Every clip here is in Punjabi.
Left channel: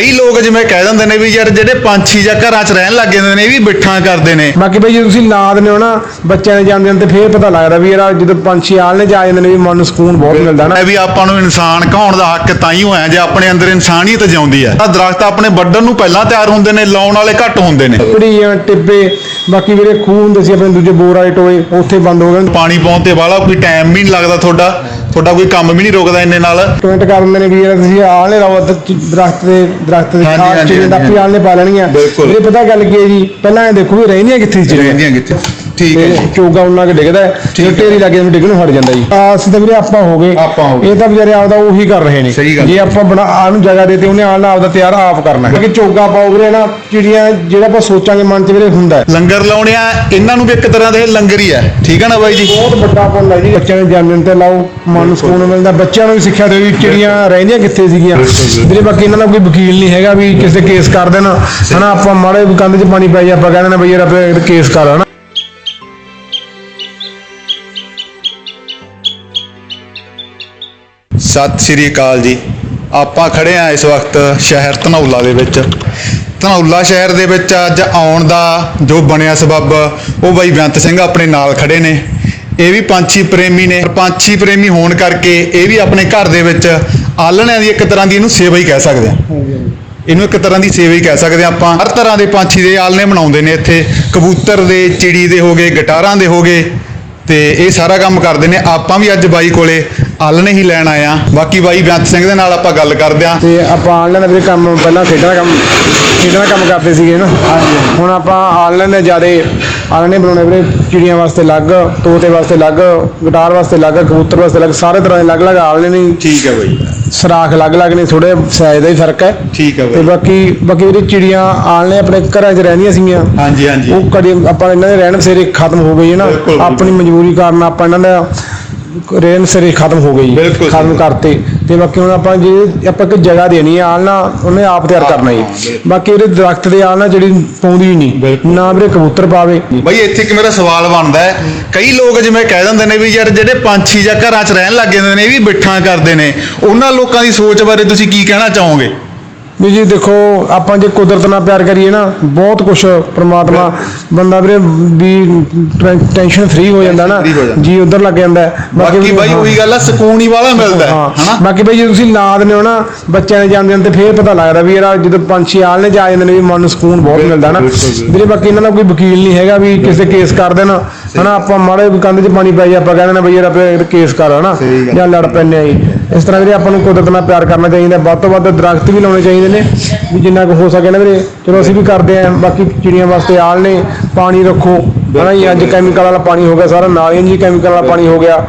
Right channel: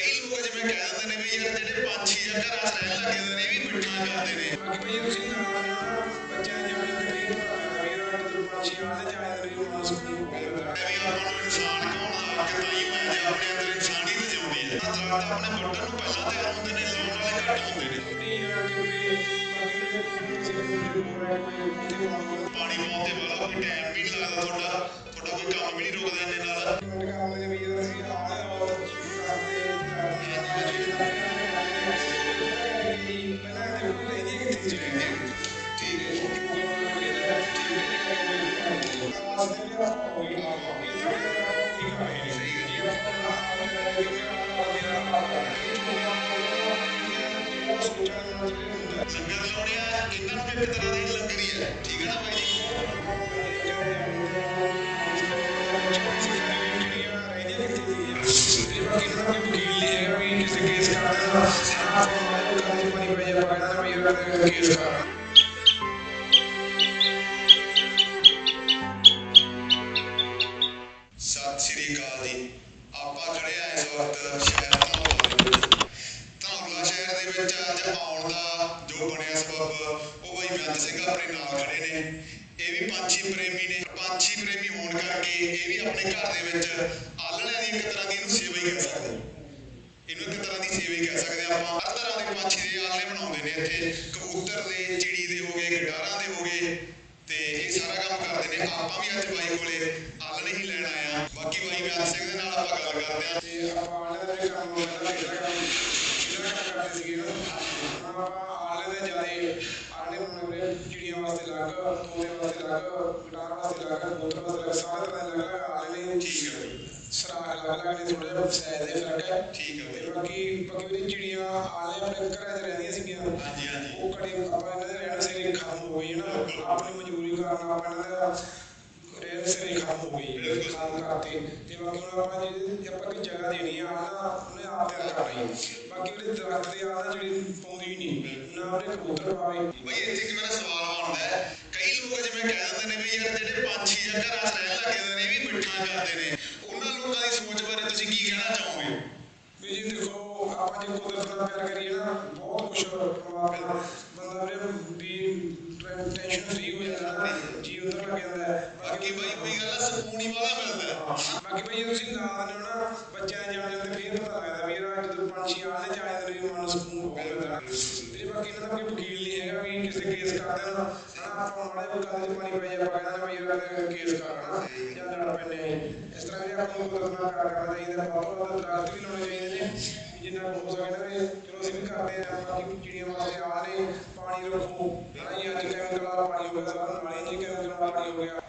ਕਈ ਲੋਕ ਜਿਵੇਂ ਕਹਿ ਦਿੰਦੇ ਨੇ ਵੀ ਯਾਰ ਜਿਹੜੇ ਪੰਛੀ ਜਾਂ ਘਰਾਂ 'ਚ ਰਹਿਣ ਲੱਗ ਜਾਂਦੇ ਨੇ ਇਹ ਵੀ ਬਿੱਠਾਂ ਕਰਦੇ ਨੇ। ਬਾਕੀ ਬਈ ਜੇ ਤੁਸੀਂ ਲਾ ਦਿੰਦੇ ਹੋ ਨਾ ਬੱਚਿਆਂ ਦੇ ਦਿਨ ਤੇ ਫੇਰ ਪਤਾ ਲੱਗਦਾ ਵੀ ਯਾਰ ਜਦੋਂ ਪੰਛੀ ਆਲਣੇ ਚ ਆ ਜਾਂਦੇ ਨੇ ਵੀ ਮਨ ਨੂੰ ਸਕੂਨ ਬਹੁਤ ਮਿਲਦਾ ਨਾ। ਇਹ ਵੀ ਆਪਾਂ ਨੂੰ ਇਨਸਾਨ ਕਹਾਉਣ ਦਾ ਹੱਕ ਤਾਂ ਹੀ ਹੋਇਆ ਜੇ ਆਪਣੇ ਅੰਦਰ ਇਨਸਾਨੀਅਤ ਜਿਉਂਦੀ ਹੈ। ਤਾਂ ਦਰਖਤ ਆਪਣੇ ਵੱਢਣ ਨੂੰ ਪਹਿਲਾਂ ਤਿਆਰ ਹੁੰਦੇ ਨੇ ਲਾਉਣ ਵਾਲੇ ਘੱਟ ਹੁੰਦੇ ਨੇ। ਪੜੀਆਂ ਟਿੱਬੇ ਬਾਕੀ ਜਿਹੜੇ ਖੂਹ ਹੁੰਦੇ ਸੀ ਆਪਣੇ ਦੂਜੇ ਬੋਰ ਵਾਲੇ ਟੋਏ ਉੱਥੇ ਬੰਦ ਹੋ ਗਏ। ਪਾਣੀ ਪਾਉਣ ਤੇ ਵਾਲਾ ਕੋਈ ਟਾਈਮ ਵੀ ਨਹੀਂ ਲੱਗਦਾ ਤੁਹਾਡਾ ਤੁਹਾਡਾ ਕੋਈ ਕੰਮ ਵੀ ਨਹੀਂ ਰੁਕਦਾ ਇੰਨੇ ਨਾਲ। ਕਮੈਂਟ ਕਰ ਦਿੰਦੇ ਨੇ ਵੀ ਯਾਰ ਤੁਸੀਂ ਆਲਣੇ ਲਾਓ ਦਰਖਤ ਦੇ ਦਰਖਤ ਦੇ ਹਾਂਜੀ, ਖਾਸ ਹਾਂਜੀ, ਚੀਜ਼ ਦਾ ਹਾਂਜੀ। ਆਲਣੇ ਪਾ ਲੈਣਗੀਆਂ ਬਿਲਕੁਲ। ਇਹ ਪਤਾ ਗੱਲ ਕੀ ਹੈ ਜੀ ਪਹਿਲਾਂ ਇਹ ਦੇਖੋ ਵੀ ਰਹਿੰਦੀਆਂ ਕਿੱਥੇ ਸੀ ਰਹਿੰਦੀਆਂ ਕਿੱਥੇ? ਠੀਕ ਹੈ ਤੇ ਜੀ। ਚੋਗਾ ਉਹਨਾਂ ਕੇ ਡਿੱਗਦਾ ਹੈ ਜੇ ਢੇਰੀ ਲੱਗੇ ਨੂੰ ਡਿੱਗਣ ਨੂੰ ਹਟ ਜਾਂਦਾ ਜੀ। ਆਸ ਤਾਂ ਵੀਰੇ ਆਪਾਂ ਹੋ ਗਏ। ਆਪਾਂ ਹੋ ਗਏ। ਇਹ ਤਾਂ ਵਿਚਾਰੇ ਆਪਦਾ ਉਹੀ ਕਰ ਰਹੇ ਨੇ। ਸਹੀ ਗੱਲ। ਜੇ ਆਪਾਂ ਬਣਾ ਆਹ ਨੂੰ ਜਗ੍ਹਾ ਦੇਤੇ ਉਹਨੇ ਆਣਾ ਆਪਦਾ ਤਿਆਰ ਆਪ ਕਰਨਾ ਹੈ। ਕਿਉਂਕਿ ਚੋਗਾ ਪਾਓ ਵੀਰੇ ਨਾ ਚਿੜੀਆਂ ਜਿਹੜਾ ਆਪਾਂ ਸੋਚਾਂਗੇ ਮਨ 'ਚ ਵੀਰੇ ਹੁੰਦਾ ਹੈ। ਲੰਗਰ ਲਾਉਣਿਆ ਇਹਨਾਂ ਨੂੰ ਵੀ ਇੱਕ ਤਰ੍ਹਾਂ ਦੇ ਲੰਗਰ ਹੀ ਹੈ। ਠੀਕ ਹੈ ਨਾ ਬਾਈ ਜੀ? ਬਹੁਤ ਵੱਡਾ ਪੁੰਨ ਹੈ ਜੀ ਬੱਚਿਆਂ ਦੇ ਜਨਮ ਦਿਨ ਤੇ ਲਾਓ ਮਨ ਨੂੰ ਸਕੂਨ ਮਿਲਦਾ। ਬੱਚਿਆਂ ਨੂੰ ਵੀ ਸਿੱਖਿਆ ਦਿਓ ਵੀ ਚਿੜੀਆਂ ਰਹਿੰਦੀਆਂ ਕਿੱਥੇ ਸੀਗੀਆਂ? ਵੀਰੇ ਬਾਕੀ ਇਹਨਾਂ ਦਾ ਕੋਈ ਵਕੀਲ ਨਹੀਂ ਹੈਗਾ ਵੀ ਕਿਸੇ ਕੇਸ ਕਰ ਦੇਣ। ਹਨਾ ਆਪਾਂ ਮਾੜੇ ਕੰਧ 'ਚ ਪਾਣੀ ਪੈ ਜਾ ਆਪਾਂ ਕਹਿੰਦੇ ਨੇ ਬਈ ਯਾਰ ਆਪਾਂ ਕੇਸ ਕਰ ਹਨਾ ਸਤਿ ਸ਼੍ਰੀ ਅਕਾਲ ਜੀ। ਆਪਾਂ ਖੜੇ ਆ ਇਸ ਵਕਤ ਸ਼ਹਿਰ ਧਨੌਲਾ ਦੇ ਵਿੱਚ। ਧਨੌਲਾ ਸ਼ਹਿਰ ਦੇ ਵਿੱਚ ਅੱਜ ਆਉਣ ਦਾ ਜੋ ਬਣਿਆ ਸਬੱਬ, ਉਹ ਬਾਈ ਬੇਅੰਤ ਸਿੰਘ ਆਪਣੇ ਨਾਲ ਖੜੇ ਨੇ। ਇਹ ਵੀ ਪੰਛੀ ਪ੍ਰੇਮੀ ਨੇ। ਪੰਛੀ ਪ੍ਰੇਮੀ ਹੋਣ ਕਰਕੇ ਇਹ ਵੀ ਆਪਣੇ ਘਰ ਦੇ ਵਿੱਚ ਆਲਣਿਆਂ ਦੀ ਇੱਕ ਤਰ੍ਹਾਂ ਦੀ ਇਹਨੂੰ ਸੇਵਾ ਹੀ ਕਹਿ ਸਕਦੇ ਆ। ਇਹਨੂੰ ਇੱਕ ਤਰ੍ਹਾਂ ਦੀ ਸੇਵਾ ਹੀ ਕਹਿ ਸਕਦੇ ਹਾਂ ਆਪਾਂ। ਹਰ ਤਰ੍ਹਾਂ ਦੇ ਪੰਛੀ ਦੇ ਆਲਣੇ ਬਣਾਉਂਦੇ ਨੇ ਇੱਥੇ। ਕਬੂਤਰ ਦੇ, ਚਿੜੀ ਦੇ ਹੋਗੇ ਗਟਾਰਾਂ ਦੇ ਹੋਗੇ ਤੇ ਇਹ ਸਾਰਾ ਕੰਮ ਕਰਦੇ ਨੇ। ਆਪਾਂ ਵੀ ਅੱਜ ਬਾਈ ਕੋਲੇ ਆਲਣੇ ਹੀ ਲੈਣ ਆਏ ਆ ਬਾਕੀ ਬਾਈ ਬੇਅੰਤ ਸਿੰਘ ਦੇ ਨਾਲ ਆਪਾਂ ਗੱਲ ਕਰਦੇ ਆ। ਤੇ ਆਪਾਂ ਆਨਲਾਈਨ ਦਾ ਕੰਮ ਪਹਿਲਾਂ ਖੇਡਾਂ ਦਾ ਕੰਮ ਖੇਡਾਂ ਦਾ ਕੰਮ ਕਰਦੇ ਸੀਗੇ ਨਾ। ਹੁਣ ਆਪਾਂ ਆਨਲਾਈਨ ਦੇ ਜਿਆਦੇ ਆਨਲਾਈਨ ਬਣਾਉਣੇ ਵੀਰੇ। ਚਿੜੀਆਂ ਵਾਸਤੇ ਅਲੱਗ ਤੋਤੇ ਵਾਸਤੇ ਅਲੱਗ ਗਿਟਾਰ ਵਾਸਤੇ ਅਲੱਗ ਕਬੂਤਰ ਵਾਸਤੇ ਅਲੱਗ ਸਾਰੇ ਤਰ੍ਹਾਂ ਦੇ ਅਲੱਗ-ਅਲੱਗ ਆਨਲਾਈਨ ਹੀ ਠੀਕ ਹੈ ਬਾਈ। ਸਰਾਖ ਅਲੱਗ-ਅਲੱਗ ਨੇ ਥੋੜੇ ਸਾਈਜ਼ ਦਾ ਹੀ ਫ਼ਰਕ ਹੈ। ਠੀਕ ਹੈ ਤੇ ਬਾਈ ਬਾਕੀ ਬਾਕੀ ਵੀਰੇ ਚਿੜੀਆਂ ਆਨਲਾਈਨ ਆਪਣੇ ਘਰਾਂ 'ਚ ਰਹਿੰਦੀਆਂ ਸੀਗੀਆਂ। ਹਾਂਜੀ ਹਾਂਜੀ। ਉਹ ਕਦੇ ਆਪਾਂ ਇਹਨਾਂ ਦੇ ਰਹਿਣ ਬਸੇਰੇ ਖਤਮ ਹੋ ਗਈ ਹੈ ਨਾ। ਆਪਣੀ ਮਜਬੂਰੀ ਕਾਰਨ ਆਪਾਂ ਇਹਨਾਂ ਦਾ ਰਹਿਣ ਬਸੇਰੇ ਖਤਮ ਹੋ ਗਈ ਬਿਲਕੁਲ ਖਤਮ। ਕਰਤੇ। ਤੇ ਬਾਕੀ ਹੁਣ ਆਪਾਂ ਜੇ ਆਪਾਂ ਇੱਕ ਜਗ੍ਹਾ ਦੇਣੀ ਹੈ ਆਲਣਾ ਉਹਨੇ ਆਪ ਤਿਆਰ ਕਰਨਾ ਜੀ ਬਾਕੀ ਇਹਦੇ ਦਰਖਤ ਦੇ ਆਲਣਾ ਜਿਹੜੀ ਪਾਉਂਦੀ ਨਹੀਂ ਬਿਲਕੁਲ। ਨਾ ਵੀਰੇ ਕਬੂਤਰ ਪਾਵੇ। ਬਾਈ ਇੱਥੇ ਕਿ ਮੇਰਾ ਸਵਾਲ ਬਣਦਾ ਹੈ ਕਈ ਲੋਕ ਜਿਵੇਂ ਕਹਿ ਦਿੰਦੇ ਨੇ ਵੀ ਯਾਰ ਜਿਹੜੇ ਪੰਛੀ ਜਾਂ ਘਰਾਂ 'ਚ ਰਹਿਣ ਲੱਗ ਜਾਂਦੇ ਨੇ ਇਹ ਵੀ ਬਿੱਠਾਂ ਕਰਦੇ ਨੇ। ਉਹਨਾਂ ਲੋਕਾਂ ਦੀ ਸੋਚ ਬਾਰੇ ਤੁਸੀਂ ਕੀ ਕਹਿਣਾ ਚਾਹੋਗੇ? ਵੀ ਜੀ ਦੇਖੋ ਆਪਾਂ ਜੇ ਕੁਦਰਤ ਨਾਲ ਪਿਆਰ ਕਰੀਏ ਨਾ ਬਹੁਤ ਕੁਝ ਪ੍ਰਮਾਤਮਾ ਬੰਦਾ ਵੀਰੇ ਵੀ ਟੈਨਸ਼ਨ ਫ੍ਰੀ ਹੋ ਜਾਂਦਾ ਨਾ ਜਾਂਦਾ। ਜੀ ਉਧਰ ਲੱਗ ਜਾਂਦਾ। ਬਾਕੀ ਬਾਈ। ਉਹੀ ਗੱਲ ਆ ਸਕੂਨ ਹੀ ਵਾਲਾ ਮਿਲਦਾ ਹਨਾ ਬਾਕੀ ਬਈ ਜੇ ਤੁਸੀਂ ਲਾ ਦਿੰਦੇ ਹੋ ਨਾ ਬੱਚਿਆਂ ਦੇ ਜਨਮ ਦਿਨ ਤੇ ਫੇਰ ਪਤਾ ਲੱਗਦਾ ਵੀ ਯਾਰ ਜਦੋਂ ਪੰਛੀ ਆਲਣੇ ਚ ਆ ਜਾਂਦੇ ਨੇ ਵੀ ਮਨ ਨੂੰ ਸਕੂਨ ਬਹੁਤ ਮਿਲਦਾ ਨਾ ਵੀਰੇ ਬਾਕੀ ਇਹਨਾਂ ਦਾ ਕੋਈ ਵਕੀਲ ਨਹੀਂ ਹੈਗਾ ਵੀ ਕਿਸੇ ਕੇਸ ਕਰ ਦੇਣ ਹਨਾ ਆਪਾਂ ਮਾੜੇ ਕੰਧ 'ਚ ਪਾਣੀ ਪੈ ਜਾ ਆਪਾਂ ਕਹਿੰਦੇ ਨੇ ਬਈ ਯਾਰ ਆਪਾਂ ਕੇਸ ਕਰ ਹਨਾ। ਜਾਂ ਲੜ ਪੈਂਦੇ ਆ ਜੀ ਇਸ ਤਰ੍ਹਾਂ ਵੀਰੇ ਆਪਾਂ ਨੂੰ ਕੁਦਰਤ ਨਾਲ ਪਿਆਰ ਕਰਨਾ ਚਾਹੀਦਾ ਵੱਧ ਤੋਂ ਵੱਧ ਦਰਖਤ ਵੀ ਲਾਉਣੇ ਚਾਹੀਦੇ ਨੇ ਵੀ ਜਿੰਨਾ ਕੁ ਹੋ ਸਕੇ ਨਾ ਵੀਰੇ, ਚਲੋ ਅਸੀਂ ਵੀ ਕਰਦੇ ਆਂ, ਬਾਕੀ ਚਿੜੀਆਂ ਵਾਸਤੇ ਆਲ ਨੇ, ਪਾਣੀ ਰੱਖੋ। ਹਨਾ ਜੀ, ਅੱਜ ਕੈਮੀਕਲ ਵਾਲਾ ਪਾਣੀ ਹੋ ਗਿਆ, ਸਾਰਾ ਨਾਲੀਆਂ 'ਚ ਕੈਮੀਕਲ ਵਾਲਾ ਪਾਣੀ ਹੋ ਗਿਆ।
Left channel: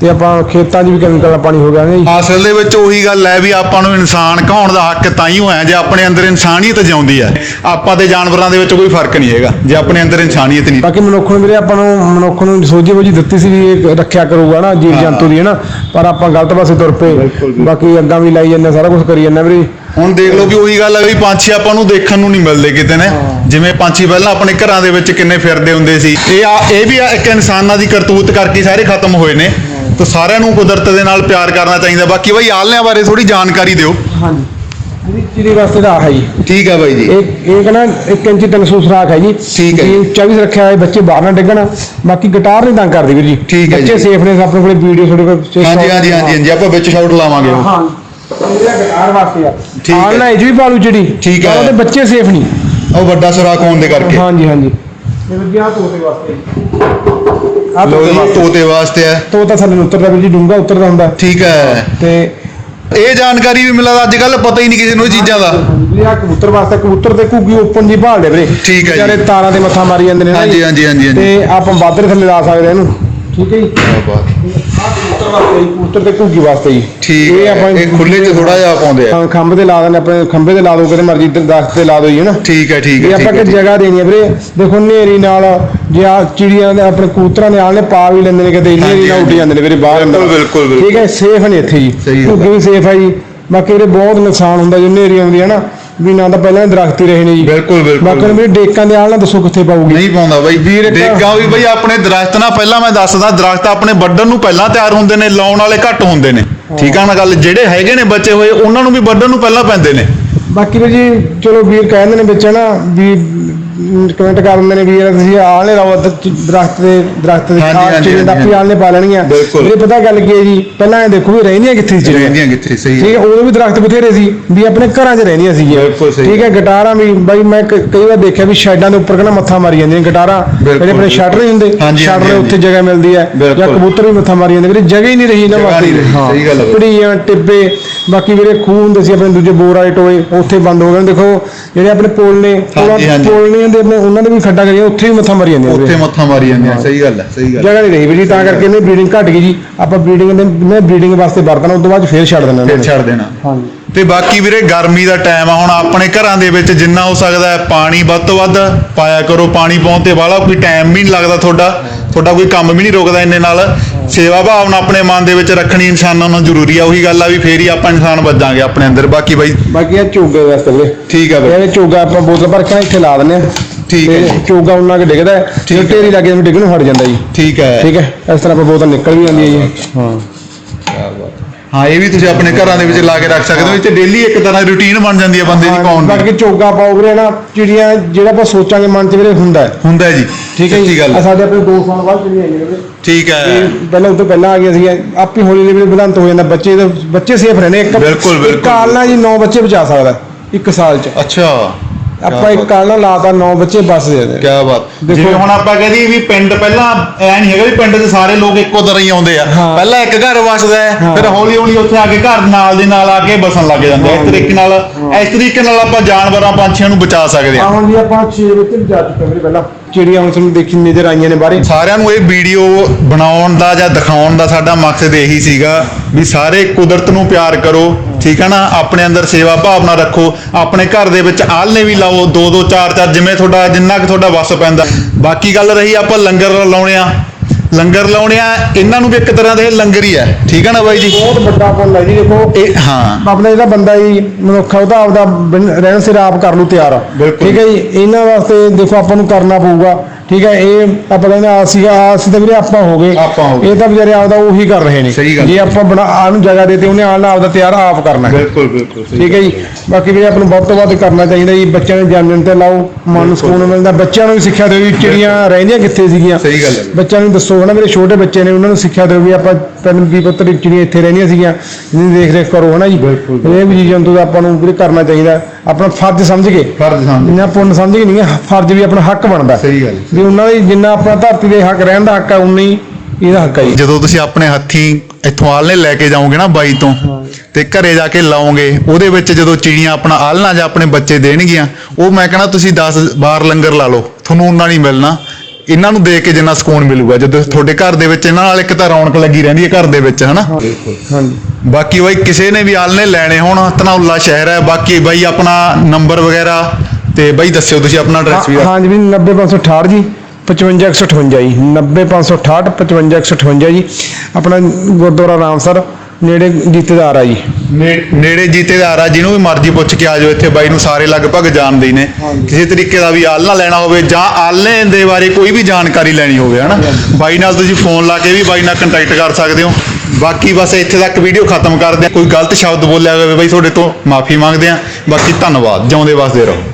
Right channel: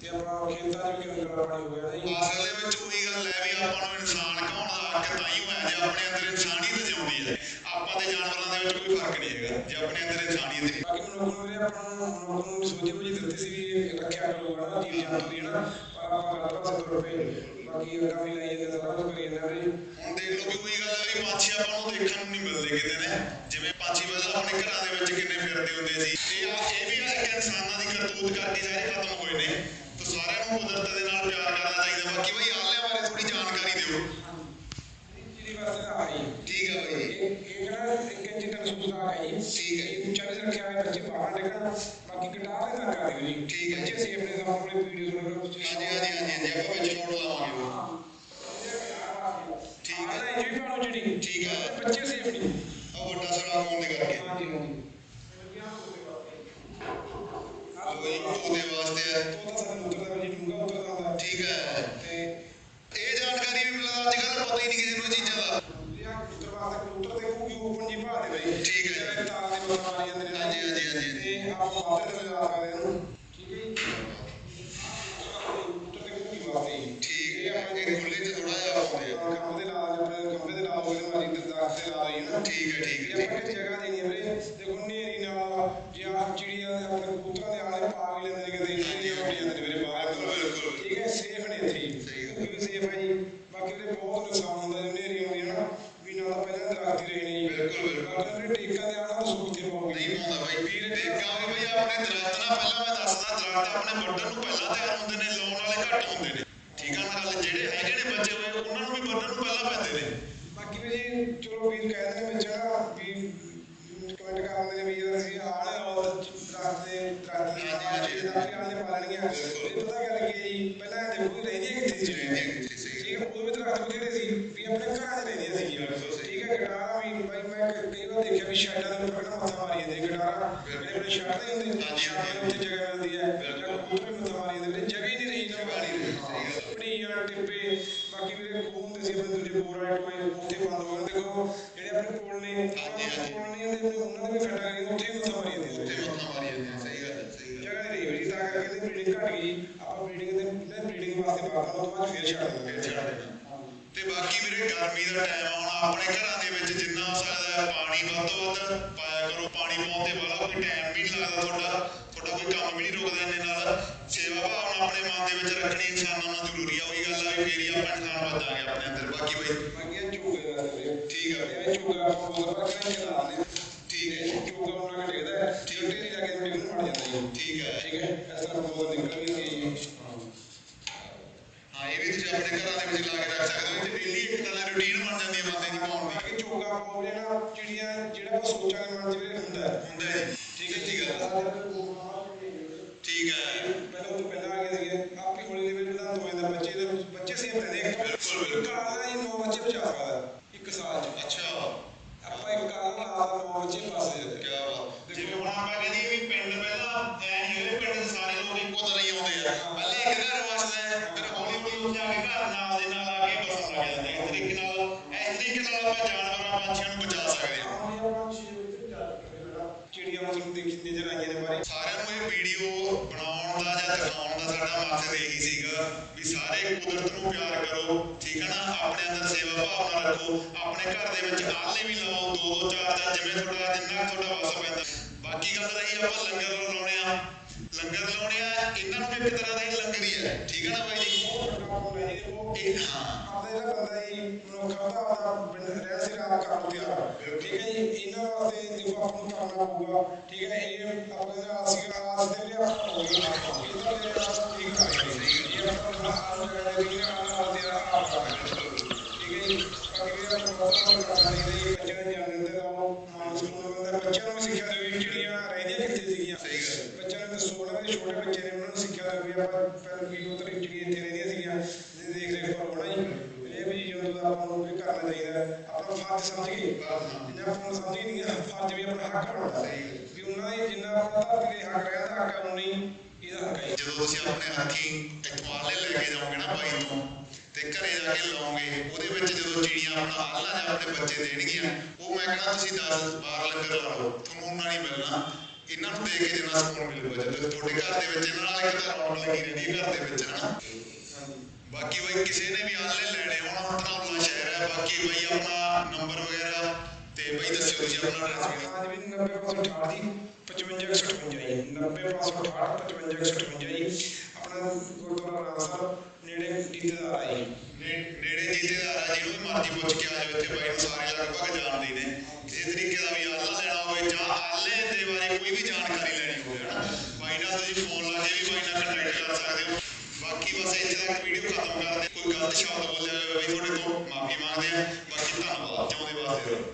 ਤੇ ਆਪਾਂ ਖੇਤਾਂ 'ਚ ਵੀ ਕੈਮੀਕਲ ਵਾਲਾ ਪਾਣੀ ਹੋ ਗਿਆ ਨਾ ਜੀ ਅਸਲ ਦੇ ਵਿੱਚ ਉਹੀ ਗੱਲ ਹੈ ਵੀ ਆਪਾਂ ਨੂੰ ਇਨਸਾਨ ਕਹਾਉਣ ਦਾ ਹੱਕ ਤਾਂ ਹੀ ਹੋਇਆ ਜੇ ਆਪਣੇ ਅੰਦਰ ਇਨਸਾਨੀਅਤ ਜਿਉਂਦੀ ਹੈ। ਆਪਾਂ ਤੇ ਜਾਨਵਰਾਂ ਦੇ ਵਿੱਚ ਕੋਈ ਫ਼ਰਕ ਨਹੀਂ ਹੈਗਾ ਜੇ ਆਪਣੇ ਅੰਦਰ ਇਨਸਾਨੀਅਤ ਨਹੀਂ। ਬਾਕੀ ਮਨੁੱਖ ਨੂੰ ਵੀਰੇ ਆਪਾਂ ਨੂੰ ਮਨੁੱਖ ਨੂੰ ਸੋਝੀ ਬੁਝੀ ਦਿੱਤੀ ਸੀ ਵੀ ਇਹ ਰੱਖਿਆ ਕਰੂਗਾ ਨਾ ਜੀਵ ਜੰਤੂ ਦੀ ਹੈ ਨਾ ਪਰ ਆਪਾਂ ਗਲਤ ਪਾਸੇ ਤੁਰ ਪਏ। ਬਾਕੀ ਅੱਗਾ ਵੀ ਲਾਈ ਜਾਂਦੇ ਸਾਰਾ ਕੁਝ ਕਰੀ ਜਾਂਦੇ ਵੀਰੇ। ਹੁਣ ਦੇਖ ਲਓ ਵੀ ਉਹੀ ਗੱਲ ਹੈ ਵੀ ਪੰਛੀ ਆਪਾਂ ਨੂੰ ਦੇਖਣ ਨੂੰ ਨਹੀਂ ਮਿਲਦੇ ਕਿਤੇ ਨੇ। ਜਿਵੇਂ ਪੰਛੀ ਪਹਿਲਾਂ ਆਪਣੇ ਘਰਾਂ ਦੇ ਵਿੱਚ ਕਿੰਨੇ ਫਿਰਦੇ ਹੁੰਦੇ ਸੀ। ਇਹ ਆ ਇਹ ਵੀ ਇੱਕ ਇਨਸਾਨਾਂ ਦੀ ਕਰਤੂਤ ਕਰਕੇ ਸਾਰੇ ਖਤਮ ਹੋਏ ਨੇ। ਤਾਂ ਸਾਰਿਆਂ ਨੂੰ ਕੁਦਰਤ ਦੇ ਨਾਲ ਪਿਆਰ ਕਰਨਾ ਚਾਹੀਦਾ। ਬਾਕੀ ਬਈ ਆਲਣਿਆਂ ਬਾਰੇ ਥੋੜੀ ਜਾਣਕਾਰੀ ਦਿਓ। ਹਾਂਜੀ। ਚਿੜੀ ਵਾਸਤੇ ਦਾ ਹੈ ਜੀ। ਠੀਕ ਹੈ ਬਾਈ ਜੀ। ਇਹ ਇਹ ਕਹਿੰਦਾ 1 ਇੰਚ 300 ਸਰਾਖ ਹੈ ਜੀ। ਠੀਕ ਹੈ ਜੀ। ਜੀ 24 ਰੱਖਿਆ ਹੈ ਬੱਚੇ ਬਾਹਰ ਨਾ ਡਿੱਗਣ। ਬਾਕੀ ਗਿਟਾਰ ਨਹੀਂ ਤੰਗ ਕਰਦੀ ਵੀਰ ਜੀ। ਠੀਕ ਹੈ ਬੱਚੇ ਜੀ। ਸੇਫ ਨੇ ਆਪਣੇ ਕੋਲੇ ਵੀਡੀਓ ਤੁਹਾਡੇ ਕੋਲ ਹਾਂਜੀ ਹਾਂਜੀ ਹਾਂਜੀ ਹਾਂਜੀ। ਆਪਾਂ ਵਿੱਚ ਸ਼ਾਟ ਲਾਵਾਂਗੇ ਉਹ। ਹਾਂ। ਇਹਦਾ ਗਿਟਾਰ ਵਾਸਤੇ ਆ। ਠੀਕ ਹੈ। ਆਲਣਾ ਇਹ 'ਚ ਵੀ ਪਾਲੂ ਚਿੜੀ ਠੀਕ ਹੈ। ਪਰ ਉਹਦੇ ਬੱਚੇ ਸੇਫ ਨਹੀਂ। ਉਹ ਵੱਡਾ ਸੁਰਾਖ ਹੋਣ ਦੇ ਕਰਕੇ। ਹਾਂਜੀ ਹਾਂਜੀ। ਵੀ ਤੋਤੇ ਵਾਸਤੇ। ਆ ਲੋ ਜੀ ਤੋਤੇ ਵਾਸਤੇ ਹੈ। ਤੋਤਾ ਥੱਲੇ ਨੂੰ ਉਤਰਦਾ ਵੀਰ ਜੀ ਡੂੰਗਾ ਉਤਰਦਾ ਹੁੰਦਾ। ਠੀਕ ਹੈ। ਤੇ ਇਹ ਜਾਣਕਾਰੀ ਵੀ ਮਿਲਦਾ ਅੱਜ ਕੱਲ ਪਤਾ ਹੀ ਨਹੀਂ ਕਿਸੇ ਨੂੰ ਇਹ ਚੀਜ਼ਾਂ ਦਾ। ਇਹ ਆ ਕਬੂਤਰ ਵਾਸਤੇ ਕਬੂਤਰ ਤੇ ਘੁੱਗੀ ਓਪਨ ਜੀ ਭਾਲਦੇ ਵੀਰੇ। ਠੀਕ ਹੈ ਜੀ। ਤਾਰਾਂ ਦੇ ਮੱਥਾ ਮਾਰੀ ਜਾਂਦੇ ਨੇ ਹਾਂਜੀ। ਹਾਂਜੀ ਹਾਂਜੀ ਤੇ ਆਪਾਂ ਬਾਦਰ ਥੱਲੇ ਲਾ ਸਕਦੇ ਇਹਨੂੰ। ਠੀਕ ਹੈ ਜੀ? ਕਿਆ ਬਾਤ। ਆ ਕਬੂਤਰ ਵਾਸਤੇ ਜੀ, ਕਬੂਤਰ ਤੇ ਘੁੱਗੀ ਵਾਸਤੇ ਜੀ। ਠੀਕ ਇਹ ਹੈ। ਆਪਾਂ ਇਹ ਖੁੱਲੇ ਚ ਥੋੜਾ ਜਿਹਾ ਪਾਉਂਦੇ ਆ। ਹਾਂ ਖੰਭ ਤੇ ਲਾ ਦਿੰਦੇ ਆਪਣੇ ਖੰਭੇ ਤੇ ਲਾ ਦੋ ਕਿਤੇ ਮਰਜ਼ੀ ਤੇ ਦਰਖਤ ਤੇ ਲਾ ਦੋ ਜੀ ਨਾ? ਠੀਕ ਹੈ ਠੀਕ ਇਹ ਹੈ ਆਪਾਂ ਠੀਕ ਕਿ ਹੈ ਜਗ੍ਹਾ ਦੇਣੀ ਹੈ ਵੀਰੇ? ਦੇਖੋ ਨੇਰੀ ਨਾਲ ਜੇ ਆ ਚਿੜੀਆਂ ਦੇ ਆਪਣੇ ਕਬੂਤਰਾਂ ਦੇ ਆਲਣੇ ਪਾ ਵੀ ਲੈਂਦੇ ਨੇ ਕਿਤੇ ਨੇਰੀ ਨਾਲ ਉੱਡ ਜਾਂਦੇ ਨੇ ਵੀਰੇ ਬਾਹਰ ਅੰਦਰ। ਬਿਲਕੁਲ, ਬਿਲਕੁਲ, ਬਿਲਕੁਲ। ਠੀਕ ਹੈ ਸੇਫ ਨੇ ਇੱਥੇ ਜੀ। ਘੁੱਗੀ ਵੀ ਸੇਫ ਹੈ ਜੀ। ਬਾਕੀ ਇਹਦੇ ਬਹੁਤ ਨੁਕਸਾਨ ਹੁੰਦਾ ਜੇ ਨੇਰੀ ਆਉਂਦੀ ਹੈ ਨਾ? ਵੀ ਨਾ ਤਾਂ ਪਹਿਲਾਂ ਦਰਖਤ ਹੀ ਰਹੇ ਨੇ ਜੀ। ਬਿਲਕੁਲ ਬਾਕੀ ਬਿਲਕੁਲ ਹੁਣ ਵੀਰੇ ਡੇਕਾਂ ਦੇ ਆਲਣਾ ਦੱਸੋ ਕਿੱਥੇ ਪਾਉਗੀ ਨਹੀਂ ਪਾਉਂਦਾ ਬਾਈ। ਵੀਰ ਦੇਖਾਂ ਵੀ ਬਈ ਆਪਣੇ ਦਰਖਤ ਨਾ ਪਹਿਲਾਂ ਮੈਂ ਦੱਸਦਾ ਦਰਖਤ ਆਪਣੇ ਵੱਢਣ ਨੂੰ ਪਹਿਲਾਂ ਤਿਆਰ ਹੁੰਦੇ ਨੇ ਲਾਉਣ ਵਾਲੇ ਘੱਟ ਹੁੰਦੇ ਨੇ। ਠੀਕ ਆ ਨਾ ਗੱਲ? ਜਿਹੜੇ ਹੈਗੇ ਨੇ ਬਚੇ ਹੋਏ ਉਹਨਾਂ ਨੂੰ ਵੀ ਵੱਢਣ ਨੂੰ ਪਹਿਲਾਂ ਪੈਂਦੇ ਨੇ। ਬਾਕੀ ਵੀ ਜੀ ਚਲੋ ਵੀਰ ਕਹਿੰਦੇ ਨੇ ਵਿੱਚ ਨਾ ਵੀ ਕਮੈਂਟ ਕਰ ਦਿੰਦੇ ਨੇ ਵੀ ਯਾਰ ਤੁਸੀਂ ਆਲ ਨੇ ਲਾਓ ਦਰਖਤ ਦੇ ਦਰਖਤ ਦੇ ਹਾਂਜੀ, ਖਾਸ ਹਾਂਜੀ, ਚੀਜ਼ਾਂ ਦਾ ਹਾਂਜੀ, ਆਲ ਨੇ ਪਾ ਲੈਣਗੀਆਂ ਬਿਲਕੁਲ। ਇਹ ਪਤਾ ਗੱਲ ਕੀ ਹੈ ਜੀ ਪਹਿਲਾਂ ਇਹ ਦੇਖੋ ਵੀ ਰਹਿੰਦੀਆਂ ਕਿੱਥੇ ਸੀ ਰਹਿੰਦੀਆਂ ਕਿੱਥੇ ਸਹੀ ਠੀਕ ਹੈ ਉਦੋਂ ਵੀ ਦਰਖਤ ਬਥੇਰੇ ਸੀ ਵੀ ਆਪਣੇ ਘਰਾਂ 'ਚ ਰਹਿੰਦੀਆਂ ਸੀਗੀਆਂ ਬਿਲਕੁਲ ਸਹੀ। ਠੀਕ ਹੈ ਗਿਟਾਰਾਂ ਵੀ ਬਾਈ ਮੈਂ ਕ- ਕਈ ਵਾਰ ਦੇਖਿਆ ਵੀ ਸ਼ੈਡਾਂ ਦੇ ਉੱਪਰ ਕਹਿੰਦਾ ਮੱਥਾ ਮਾਰੀ ਜਾਂਦੀਆਂ ਗਿਟਾਰਾਂ ਬਿਲਕੁਲ, ਜਿਹੜੇ ਆਪਣੇ ਸ਼ਟਰ ਨਹੀਂ ਹੁੰਦੇ ਹਾਂਜੀ, ਸ਼ਟਰ ਦੇ ਹਾਂਜੀ, ਉੱਥੇ ਜਗ੍ਹਾ ਮਿਲਦੀ ਹੈ ਜਾਂ ਬਿਲਕੁਲ। ਕਬੂਤਰ ਵੀ ਮੱਥਾ ਮਾਰੀ ਜਾਂਦੇ ਵੀਰੇ ਜਗ੍ਹਾ ਹੀ ਨਹੀਂ ਰਹੀ ਇਹਨਾਂ ਜਗ੍ਹਾ ਵਾਸਤੇ ਨਹੀਂ ਰਹੀ, ਸਹੀ ਗੱਲ ਹੈ। ਘੜੀਆਂ ਟਿੱਬੇ ਬਾਕੀ ਜਿਹੜੇ ਖੂਹ ਹੁੰਦੇ ਸੀ ਆਪਣੇ ਦੂਜੇ ਬੋਰ ਵਾਲੇ ਟੋਏ ਉੱਥੇ ਬੰਦ ਹੋ ਗਏ। ਦੇਖੋ ਜਿਹੜੇ ਆਪਣੇ ਪੁਲ ਨੇ ਪੁਲਾਂ- ਹਾਂਜੀ, ਹਾਂਜੀ। ਪੁਲ ਨੇ ਦੇ ਆਪਣੇ ਉਹਨਾਂ ਦੇ ਵੀ ਖੱਡਾ ਕਰੀਆਂ ਉੱਥੇ ਵੀ ਮੱਥਾ ਮਾਰੀ ਜਾਂਦੇ ਉੱਥੇ ਮੱਥਾ ਮਾਰੀ ਜਾਂਦੀਆਂ ਸਹੀ ਗੱਲ ਹੈ ਸਹੀ ਗੱਲ ਜਗ੍ਹਾ ਨਹੀਂ ਰਹੀ ਵੀ ਜੀ ਤਾਂ ਕਰਕੇ ਇਹਨੇ ਬਰੀਡਿੰਗ ਘਟ ਗਈ ਜੀ। ਆਪਾਂ ਬਰੀਡਿੰਗ ਦੇ ਮੈਂ ਬਰੀਡਿੰਗ ਵਾਸਤੇ ਵਰਤਣਾ ਉਸ ਤੋਂ ਬਾਅਦ ਫੇਰ ਛੱਡ ਦੇਣਾ ਇਹਨਾਂ ਫਿਰ ਨੇ। ਛੱਡ ਦੇਣਾ। ਹਾਂਜੀ। ਤੇ ਬਾਕੀ ਵੀਰੇ ਗਰਮੀ ਦਾ ਟਾਈਮ ਆ ਹੁਣ ਆਪਣੇ ਘਰਾਂ ਦੇ ਵਿੱਚ ਜਿੰਨਾ ਹੋ ਸਕਦਾ ਹੈ ਪਾਣੀ ਵੱਧ ਤੋਂ ਵੱਧ ਪਾਇਆ ਕਰੋ ਪਾਣੀ ਪਾਉਣ ਤੇ ਵਾਲਾ ਕੋਈ ਟਾਈਮ ਵੀ ਨਹੀਂ ਲੱਗਦਾ ਤੁਹਾਡਾ। ਤੁਹਾਡਾ ਕੋਈ ਕੰਮ ਵੀ ਨਹੀਂ ਰੁਕਦਾ ਇੰਨੇ ਨਾਲ। ਸੇਵਾ ਭਾਵਨਾ ਆਪਣੇ ਮਨ ਦੇ ਵਿੱਚ ਰੱਖਣੀ ਇਨਸਾਨਾਂ ਨੂੰ ਜ਼ਰੂਰੀ ਆ ਉਹੀ ਗੱਲ ਆ ਵੀ ਫੇਰ ਹੀ ਆਪਾਂ ਇਨਸਾਨ ਵੱਜਾਂਗੇ ਆਪਣੇ ਅੰਦਰ। ਬਾਕੀ ਬਾਈ ਬਾਕੀ ਇਹ ਚੋਗੇ ਵਾਸਤੇ ਵੀਰੇ। ਠੀਕ ਆ ਬਾਈ। ਇਹ ਚੋਗਾ ਆਪਾਂ ਬੋਤਲ ਭਰ ਕੇ ਇੱਥੇ ਲਾ ਦਿੰਦੇ ਆ। ਠੀਕ ਹੈ ਜੀ। ਚੋਗਾ ਉਹਨਾਂ ਕੇ ਡਿੱਗਦਾ ਹੈ। ਠੀਕ ਹੈ। ਢੇਰੀ ਲੱਗੇ ਤਾਂ ਡਿੱਗਣ ਨੂੰ ਹਟ ਜਾਂਦਾ ਜੀ। ਠੀਕ ਹੈ ਠੀਕ ਹੈ? ਇਸ ਤਰ੍ਹਾਂ ਆਪਾਂ ਬੋਤਲ ਨਿਕਲ ਵੀ ਜਾਂਦੀ ਹੈ ਜੀ। ਹਾਂ। ਹਾਂ ਇਹ ਵੀ ਤੁਸੀਂ ਆਪਣੇ ਘਰਾਂ ਦੇ ਵਿੱਚ ਲਾ ਕੇ ਰੱਖ ਸਕਦੇ ਹੋ। ਇਹ ਤੇ ਡੇਲੀ ਇੱਕ ਤਰ੍ਹਾਂ ਦੀ ਰੁਟੀਨ ਬਣ ਜਾਂਦੀ ਹੈ ਬੰਦੇ ਦੀ ਪਾਉਣ ਦੀ। ਬਾਕੀ ਚੋਗਾ ਪਾਓ ਵੀਰੇ ਨਾ ਚਿੜੀਆਂ ਜਿਹੜਾ ਆਪਾਂ ਸੋਚਾਂਗੇ ਮਨ 'ਚ ਵੀਰੇ ਹੁੰਦਾ ਹੈ। ਹੁੰਦਾ ਹੈ ਜੀ। ਠੀਕ ਹੈ ਜੀ। ਸਾਡੇ ਆਪਣੇ 2 ਸਾਲ ਬਾਅਦ ਚਿੜੀਆਂ ਆਈਆਂ ਵੀਰੇ। ਠੀਕ ਹੈ। ਪਹਿਲਾਂ ਉਦੋਂ ਪਹਿਲਾਂ ਆ ਗਈਆਂ ਸੀਗੀਆਂ। ਆਪੇ ਹੌਲੀ ਹੌਲੀ ਵੀਰੇ ਬਲੰਤ ਹੋ ਜਾਂਦਾ। ਬੱਚੇ ਦੇ ਬੱਚੇ ਸੇਫ ਰਹਿੰਦੇ ਇੱਕ ਬਿਲਕੁਲ, ਬਿਲਕੁਲ। ਇੱਕ ਕਾਲਨਾ ਜੀ 9 ਬੱਚੇ ਬਚਾ ਸਕਦਾ ਇੱਕ ਸਾਲ 'ਚ। ਅੱਛਾ। ਆਪਾਂ ਇੱਕ ਕਾਲਨਾ ਲਾਤਾ 9 ਬੱਚੇ ਬਚ ਜਾਂਦੇ ਕੀ ਬਾਤ। ਜਿਵੇਂ ਹੁਣ ਆਪਾਂ ਕਹਦੀ ਵੀ ਪਿੰਡ ਪਹਿਲਾਂ ਐ ਨਹੀਂ ਹੈਗਾ ਵੀ ਪਿੰਡ ਦੇ ਸਾਰੇ ਲੋਕ ਇੱਕੋ ਤਰ੍ਹਾਂ ਹੀ ਆਉਂਦੇ ਆ। ਪਹਿਲਾਂ ਇੱਕ ਘਰ ਵਸਦਾ ਹੈ। ਫਿਰ ਹੌਲੀ ਹੌਲੀ ਉੱਥੇ ਆ ਕੇ ਘਰ ਨਾਲ ਦੇ ਨਾਲ ਆ ਕੇ ਬਸਣ ਲੱਗ ਜਾਂਦੇ ਇਸ ਤਰੀਕੇ ਨਾਲ ਇਸ ਤਰੀਕੇ ਨਾਲ ਆਪਾਂ ਜਾਨਵਰਾਂ ਪੰਛੀਆਂ ਨੂੰ ਬਚਾ ਸਕਦੇ ਆ। ਹੁਣ ਜੀ ਆਪਾਂ 6 ਬੱਚੇ ਬਚਾ ਚੁੱਕੇ ਵੀਰੇ ਪਹਿਲਾਂ। ਚਿੜੀਆਂ ਹੁਣ ਤੁਹਾਨੂੰ ਦੇਖੀ ਨਜ਼ਰ ਆਈਆਂ ਨੇ ਬਾਹਰੇ ਸਾਰਿਆਂ ਨੂੰ ਇਹ ਵੀਡੀਓ ਬਣਾਉਣ ਦਾ ਜਾਂ ਦਿਖਾਉਣ ਦਾ ਸਾਡਾ ਮਕਸਦ ਇਹੀ ਸੀਗਾ ਵੀ ਸਾਰੇ ਕੁਦਰਤ ਨੂੰ ਪਿਆਰ ਕਰੋ, ਠੀਕ ਹੈ ਨਾ? ਆਪਣੇ ਅੰਦਰ ਸੇਵਾ ਭਾਵਨਾ ਰੱਖੋ, ਆਪਣੇ ਘਰ ਦੇ ਵਿੱਚ ਆਲ੍ਹਣੇ ਵੀ ਲਾਓ ਦੋ ਦੋ ਚਾਰ ਚਾਰ ਜਿਵੇਂ ਤੁਹਾਡਾ, ਜਿੰਨਾ ਕਿ ਤੁਹਾਡਾ ਵਸ ਪੈਂਦਾ। ਬਾਕੀ ਗੱਲ ਰਹੀ ਆਪਾਂ ਲੰਗਰ ਲਾਉਣੇ ਆ। ਲੰਗਰ ਲਾਉਣੇ ਆ ਇਹਨਾਂ ਨੂੰ ਵੀ ਇੱਕ ਤਰ੍ਹਾਂ ਦੇ ਲੰਗਰ ਹੀ ਹੈ ਠੀਕ ਹੈ ਨਾ ਬਾਈ ਜੀ? ਬਹੁਤ ਵੱਡਾ ਪੁੰਨ ਹੈ ਜੀ ਦੇਖੋ। ਇਹ ਹਾਂ। ਆਪਣਾ ਜਿਹੜਾ ਬੰਦਾ ਜੀ ਮਨੁੱਖ ਆ ਉਹਦਾ ਆਪਦਾ ਰਹਿਣ ਸਿਰ ਆਪ ਕਰ ਲੂ ਤਿਆਰ। ਠੀਕ ਹੈ ਜੀ? ਇਹਨਾਂ ਵਾਸਤੇ ਦੇਖੋ ਆਪਾਂ ਨੂੰ ਕਰਨਾ ਪਊਗਾ। ਠੀਕ ਹੈ ਇਹ ਆਪਾਂ ਕਹਿੰਦੇ ਆ ਅਸੀਂ ਆ ਅਸੀਂ ਤਾਂ ਵੀਰੇ ਆਪਾਂ ਹੋ ਗਏ। ਆਪਾਂ ਹੋ ਗਏ। ਇਹ ਤਾਂ ਵਿਚਾਰੇ ਆਪਦਾ ਉਹੀ ਕਰ ਰਹੇ ਨੇ। ਸਹੀ ਗੱਲ। ਜੇ ਆਪਾਂ ਬਣਾ ਆਹ ਨੂੰ ਜਗ੍ਹਾ ਦੇਤੇ ਉਹਨੇ ਆਣ ਆਪਦਾ ਤਿਆਰ ਆਪ ਕਰਨਾ ਹੈ। ਬਿਲਕੁਲ ਬਿਲਕੁਲ ਠੀਕ ਹੈ ਜੀ? ਬਾਕੀ ਵੀ ਆਪਾਂ ਨੂੰ ਵੱਧ ਤੋਂ ਵੱਧ ਕਰਨਾ ਚਾਹੀਦਾ ਜੀ ਬੱਚਿਆਂ ਨੂੰ ਜਨਮ ਤੇ ਲਾਓ ਮਨ ਨੂੰ ਸਕੂਨ ਮਿਲਦਾ। ਬੱਚਿਆਂ ਨੂੰ ਵੀ ਸਿੱਖਿਆ ਦਿਓ ਵੀ ਚਿੜੀਆਂ ਰਹਿੰਦੀਆਂ ਕਿੱਥੇ ਸੀਗੀਆਂ? ਸਹੀ ਗੱਲ ਹੈ। ਬੱਚਿਆਂ ਨੂੰ ਦੱਸੋ ਹਨਾ ਮੇਰੇ ਛੋਟੇ ਬੱਚੇ ਨੇ ਉਹਨਾਂ ਨੂੰ ਸਿੱਖਿਆ ਦਿਓ ਵੀ ਆਪਾਂ ਤਿੰਨ ਵੀ ਪੁੱਤਰ ਚਿੜੀਆਂ ਇੱਥੇ ਰਹਿੰਦੀਆਂ ਸੀਗੀਆਂ ਇਹਦੀ ਦੇਖ ਰੇਖ ਕਰੋ ਹਨਾ ਜੀ। ਇਹ ਵੀ ਜੀਵ ਜੰਤੂ ਦਾ ਆਪਾਂ ਨੂੰ ਵੀ ਕਰਨਾ ਚਾਹੀਦਾ। ਆਪਣਾ ਫਰਜ਼ ਸਮਝ ਕੇ। ਫਰਜ਼ ਸਮਝ ਜਿੰਨਾ ਪੁੰਨ ਸਮਝ ਕੇ ਨਹੀਂ ਫਰਜ਼ ਵੀ ਆਪਣਾ ਹੱਕ ਬਣਦਾ। ਸਹੀ ਗੱਲ ਵੀ ਉਹਨਾਂ ਦੀ ਜਿੰਨਾ ਆਪਣਾ ਧਰਤੀ ਦੇ ਹੱਕ ਰਹਿਣ ਦਾ ਹੱਕ ਹੈ ਉਨਾ ਹੀ ਇਹਦਾ ਹੱਕ ਹੈ ਜੀ। ਜਦੋਂ ਤੁਸੀਂ ਆਪਣੇ ਹੱਥੀਂ ਇੱਥੋਂ ਆਲਣੇ ਲੈ ਕੇ ਜਾਓਗੇ ਨਾ ਬਾਈ ਤੋਂ ਤੇ ਘਰੇ ਜਾ ਕੇ ਲਾਓਗੇ ਉਹਦੇ ਵਿੱਚ ਜਦੋਂ ਚਿੜੀਆਂ ਆਪਣਾ ਆਲਣਾ ਜਾਂ ਆਪਣੇ ਬੱਚੇ ਦੇਣਗੀਆਂ ਉਹ ਮੈਂ ਕਹਿੰਦਾ ਤੁਸੀਂ 10 ਬਾਰ ਲੰਗਰ ਲਾ ਲਓ ਤੁਹਾਨੂੰ ਉਹਨਾਂ ਨਹੀਂ ਮਿਲਣਾ। ਇਹਨਾਂ ਨੂੰ ਦੇਖ ਕੇ ਜਿੰਨਾ ਸਕੂਨ ਮਿਲੂਗਾ ਜਦੋਂ ਤੁਹਾਡੇ ਘਰ ਦੇ ਵਿੱਚ ਇਹਨਾਂ ਨਾਲ ਇੱਕ ਤਾਂ ਰੌਣਕ ਲੱਗੀ ਰਹਿੰਦੀ ਹੈ ਘਰ ਦੇ ਵਿੱਚ ਹਨਾ? ਹਾਂਜੀ। ਬਾਕੀ ਬਾਈ ਕਿਸੇ ਨੇ ਵੀ ਆਲਣੇ ਲੈਣੇ ਹੋਣ ਧਨੌਲਾ ਸ਼ਹਿਰ ਹੈ ਬਾਕੀ ਬਾਈ ਆਪਣਾ ਨੰਬਰ ਵਗੈਰਾ ਤੇ ਬਾਈ ਦੱਸਿਓ ਤੁਸੀਂ ਆਪਣਾ ਐਡਰੈਸ ਵੀ ਹਾਂ ਜੀ ਵੀ 90568 ਜੀ 55158 ਜੀ 90568 55158 ਜੀ ਆਪਣਾ ਗੁਰਦੁਆਰਾ ਰਾਮਸਰ ਨੇੜੇ ਜੀਤੇਦਾਰ ਆ ਜੀ। ਨੇ- ਨੇੜੇ ਜੀਤੇਦਾਰ ਆ ਜਿਹਨੂੰ ਵੀ ਮਰਜ਼ੀ ਪੁੱਛ ਕੇ ਆ ਜਾਓ ਇੱਥੇ ਬਾਈ ਨੂੰ ਸਾਰੇ ਲਗਭਗ ਜਾਣਦੇ ਹੀ ਨੇ। ਕਿਸੇ ਤਰੀਕੇ ਦਾ ਵੀ ਆਲਣਾ ਲੈਣਾ ਹੋਵੇ ਜਾਂ ਆਲਣੇ ਦੇ ਬਾਰੇ ਕੋਈ ਵੀ ਜਾਣਕਾਰੀ ਲੈਣੀ ਹੋਵੇ ਹਨਾ? ਬਾਈ ਨਾਲ ਤੁਸੀਂ ਫੋਨ ਲਾ ਕੇ ਵੀ ਬਾਈ ਨਾਲ ਕੰਟੈਕਟ ਕਰ ਸਕਦੇ ਹੋ। ਬਾਕੀ ਬਸ ਇੱਥੇ ਤੱਕ ਵੀਡੀਓ ਖਤਮ ਕਰਦੇ ਆ ਕੋਈ ਗਲਤ ਸ਼ਬਦ ਬੋਲਿਆ ਹੋਵੇ ਬਾਈ ਤੁਹਾਡੇ ਤੋਂ ਮਾਫੀ ਮੰਗਦੇ ਆ ਬਾਕੀ ਧੰਨਵਾਦ ਜਿਉਂਦੇ ਵਸਦੇ ਰਹੋ।